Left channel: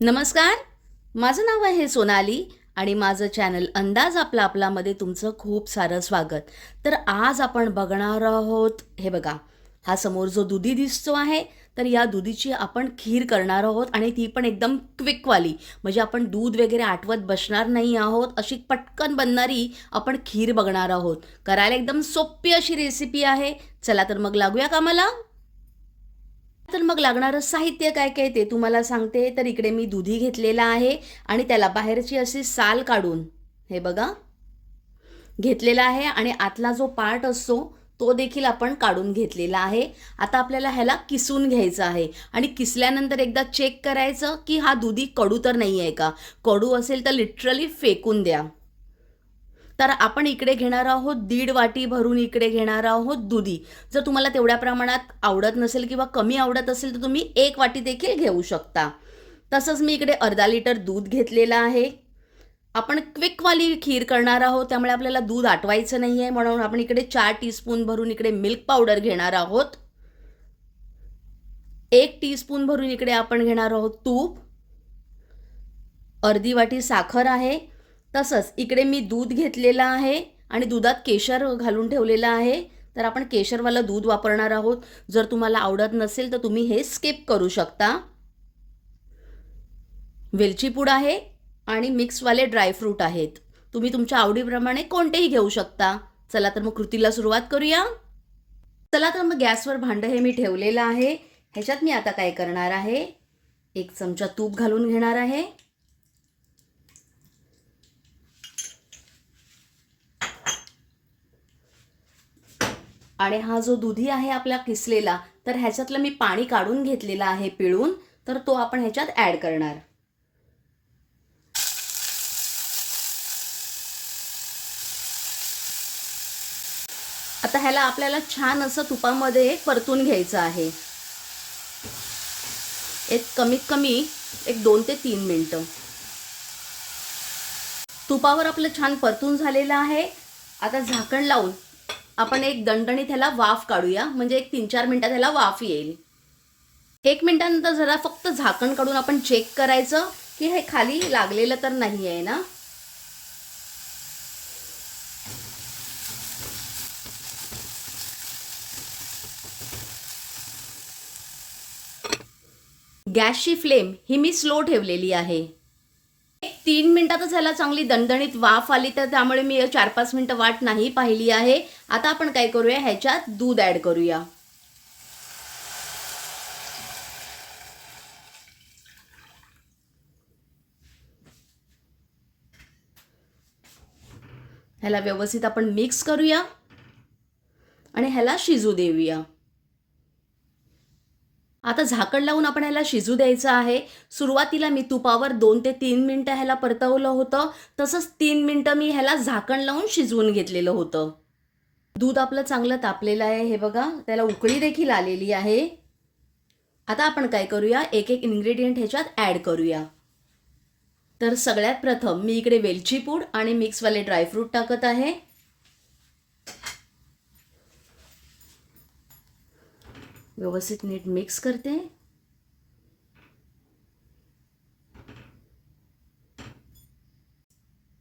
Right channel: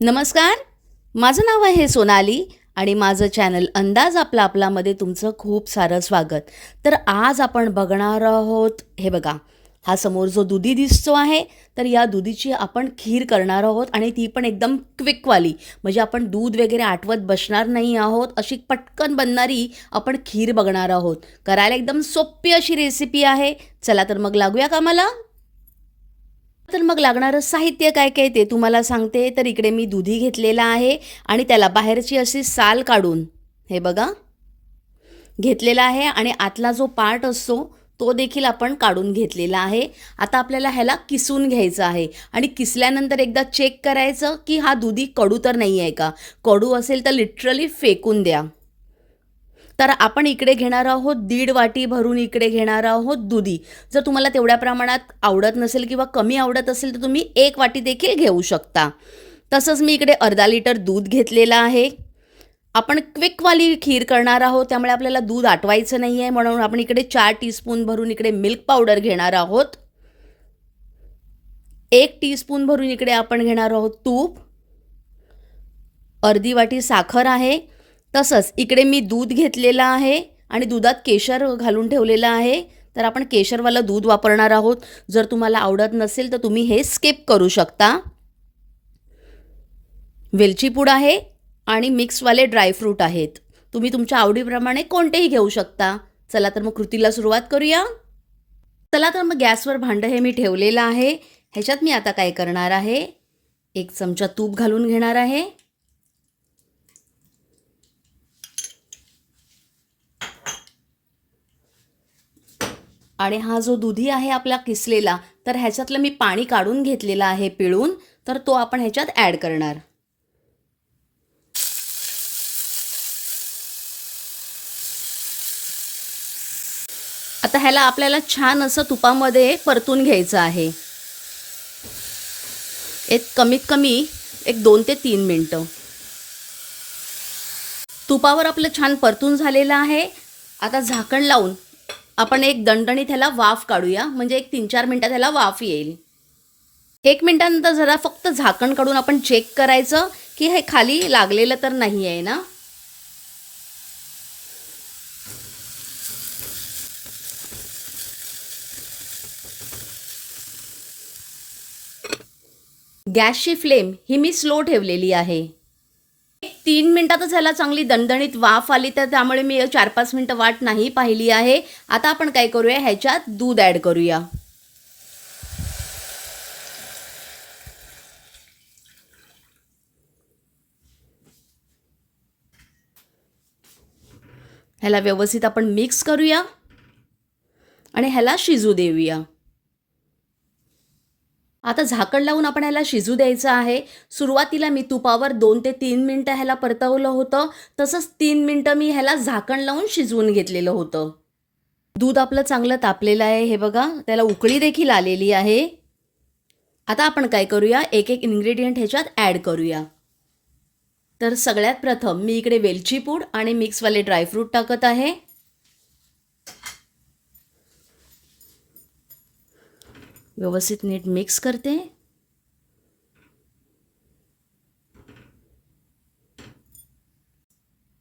नमस्कार. माझं नाव आहे सोनाली आणि माझं चॅनल अंदाज आपला आपलामध्ये तुमचं खूप सारं स्वागत. तर आज आपण बघणार आहोत हे बघा हा समोर जो दुधी दिसतो आहे तर या दुधीची आपण खीर करणार आहोत आणि ती पण एकदम क्विकवाली म्हणजे आपण दूध वगैरे आठवत बसणार नाही आहोत अशी पटकन बनणारी आपण खीर बघणार आहोत. करायला एकदम सोपी अशी रेसिपी आहे. चला तर मग लागूया का मला तर मग लागणारं साहित्य काय काय ते तुम्हाला सांगते. तर इकडे मी दुधी घेतलेला आहे आणि त्याला बाहेरची अशी साल काढून हे बघा घेतलेला आहे आणि आतला जो पार्ट असतो तो देखील आपण काढून घेतलेला आहे. आता आपल्याला ह्याला किसून घ्यायचं आहे आणि किसल्यानंतर एकदा चेक करायचं की हा दुधी कडू तर नाही आहे का? कडू असेल तर लिटरली फेकून द्या. तर आपण इकडे घेणार आहोत दीड वाटी भरून इकडे घेणार आहोत दुधी. जर तुम्हाला तेवढ्या प्रमाणात आवडत नसेल किंवा कमी आवडत असेल तर तुम्ही एक वाटी देखील घेऊ शकता. तसंच मी इकडे अर्धा लिटर दूध घेतलेलं आहे. आपण क्विकवाली खीर करणार आहोत त्यामुळे आपल्याला दूध आटवायचं नाही आहे म्हणून आपण इकडे चार टीस्पून भरून इकडे मिल्क पावडर घेणार आहोत. एक टीस्पून भरून इकडे आपण घेणार आहोत तूप. अर्धी वाटी साखर आहे. तसंच इकडे मी दूध घेतलेलं आहे आणि दुधात केशर घालून ठेवलेलं आहे. तर आपण केशरवालं दूध वापरणार आहोत. जर तुम्हाला आवडत नसेल तर तुम्ही हे स्किप करू शकता. वेलची पूड आहे आणि मिक्सवाले ड्रायफ्रूट आहेत. तुम्ही तुमच्या आवडीप्रमाणे कोणतेही घेऊ शकता. चला तर मग कृतीला सुरुवात करूया. चला तर मग गॅसवर भांडं हे मी ठेवलेलं आहे. ह्याच्यात मी आता काय करणार आहे? एक चमचा तूप घालून घेणार आहे. आणि हा जो दुधी आहे आपला किसलेला तर ह्याच्यातलं मी पाणी काढून घेतलेलं आहे पिळून तर तो आपण ह्याच्यात ॲड करणार. आता ह्याला आपल्याला छान असं तुपामध्ये परतून घ्यायचं आहे. एक कमीत कमी एक दोन ते तीन मिनटं. तुपावर आपलं छान परतून झालेलं आहे. आता झाकण लावून आपण एक दणदणीत ह्याला वाफ काढूया. म्हणजे एक तीन चार मिनटात ह्याला वाफ येईल. एक मिनटानंतर जरा फक्त झाकण काढून आपण चेक करायचं की हे खाली लागलेलं तर नाही आहे ना? गॅसची फ्लेम ही मी स्लो ठेवलेली आहे. तीन मिनटातच ह्याला चांगली दणदणीत वाफ आली तर त्यामुळे मी चार पाच मिनटं वाट नाही पाहिली आहे. आता आपण काय करूया? ह्याच्यात दूध ॲड करूया. ह्याला व्यवस्थित आपण मिक्स करूया आणि ह्याला शिजू देऊया. आता झाकण लावून आपण ह्याला शिजू द्यायचं आहे. सुरुवातीला मी तुपावर दोन ते तीन मिनटं ह्याला परतवलं होतं. तसंच तीन मिनटं मी ह्याला झाकण लावून शिजवून घेतलेलं होतं. दूध आपलं चांगलं तापलेलं आहे हे बघा. त्याला उकळी देखील आलेली आहे. आता आपण काय करूया? एक एक इन्ग्रेडियंट ह्याच्यात ॲड करूया. तर सगळ्यात प्रथम मी इकडे वेलची पूड आणि मिक्सवाले ड्रायफ्रूट टाकत आहे. व्यवस्थित नीट मिक्स करते.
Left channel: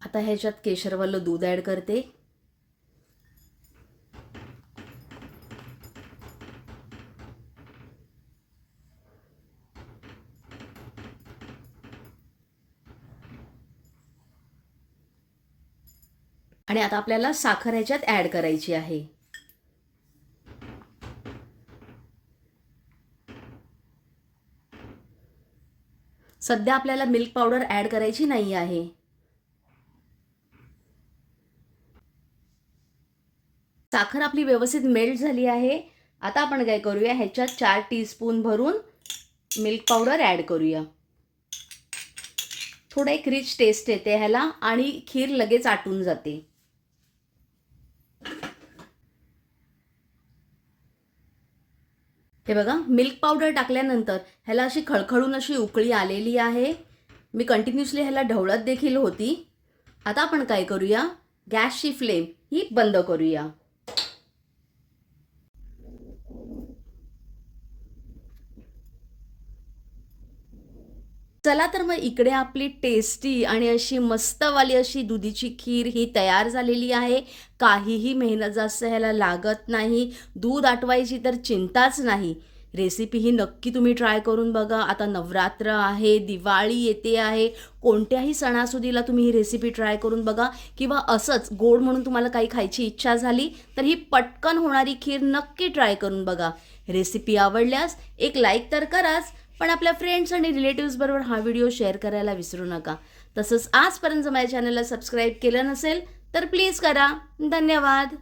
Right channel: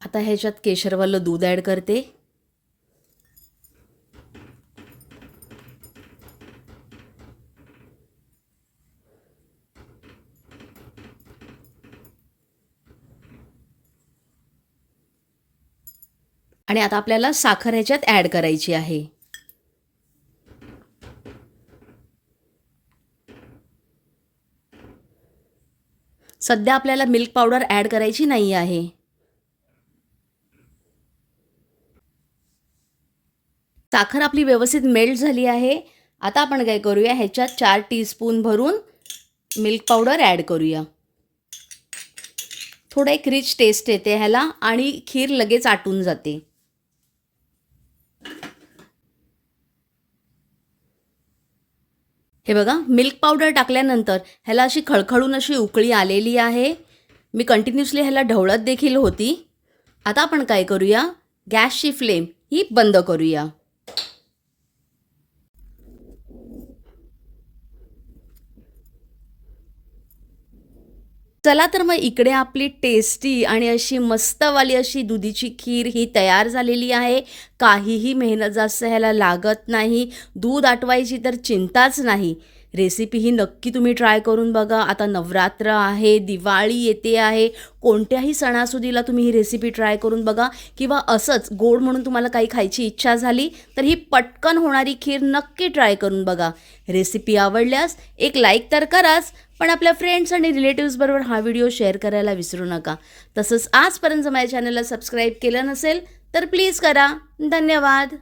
आता ह्याच्यात केशरवालं दूध ॲड करते. आणि आता आपल्याला साखर ह्याच्यात ॲड करायची आहे. सध्या आपल्याला मिल्क पावडर ॲड करायची नाही आहे. साखर आपली व्यवस्थित मेल्ट झाली आहे. आता आपण काय करूया? ह्याच्यात चार टीस्पून भरून मिल्क पावडर ॲड करूया. थोडं एक रिच टेस्ट येते ह्याला आणि खीर लगेच आटून जाते. हे बघा मिल्क पावडर टाकल्यानंतर ह्याला अशी खळखळून अशी उकळी आलेली आहे. मी कंटिन्युअसली ह्याला ढवळत देखील होती. आता आपण काय करूया? गॅसची फ्लेम ही बंद करूया. चला तर मग इकडे आपली टेस्टी आणि अशी मस्तवाली अशी दुधीची खीर ही तयार झालेली आहे. काहीही मेहनत जास्त ह्याला लागत नाही. दूध आटवायची तर चिंताच नाही. रेसिपी ही नक्की तुम्ही ट्राय करून बघा. आता नवरात्र आहे दिवाळी येते आहे. कोणत्याही सणासुदीला तुम्ही ही रेसिपी ट्राय करून बघा. किंवा असंच गोड म्हणून तुम्हाला काही खायची इच्छा झाली तर ही पटकन होणारी खीर नक्की ट्राय करून बघा. रेसिपी आवडल्यास एक लाईक तर कराच. पण आपल्या फ्रेंड्स आणि रिलेटिव्सबरोबर हा व्हिडिओ शेअर करायला विसरू नका. तसंच आजपर्यंत माझ्या चॅनलला सबस्क्राईब केलं नसेल तर प्लीज करा. धन्यवाद.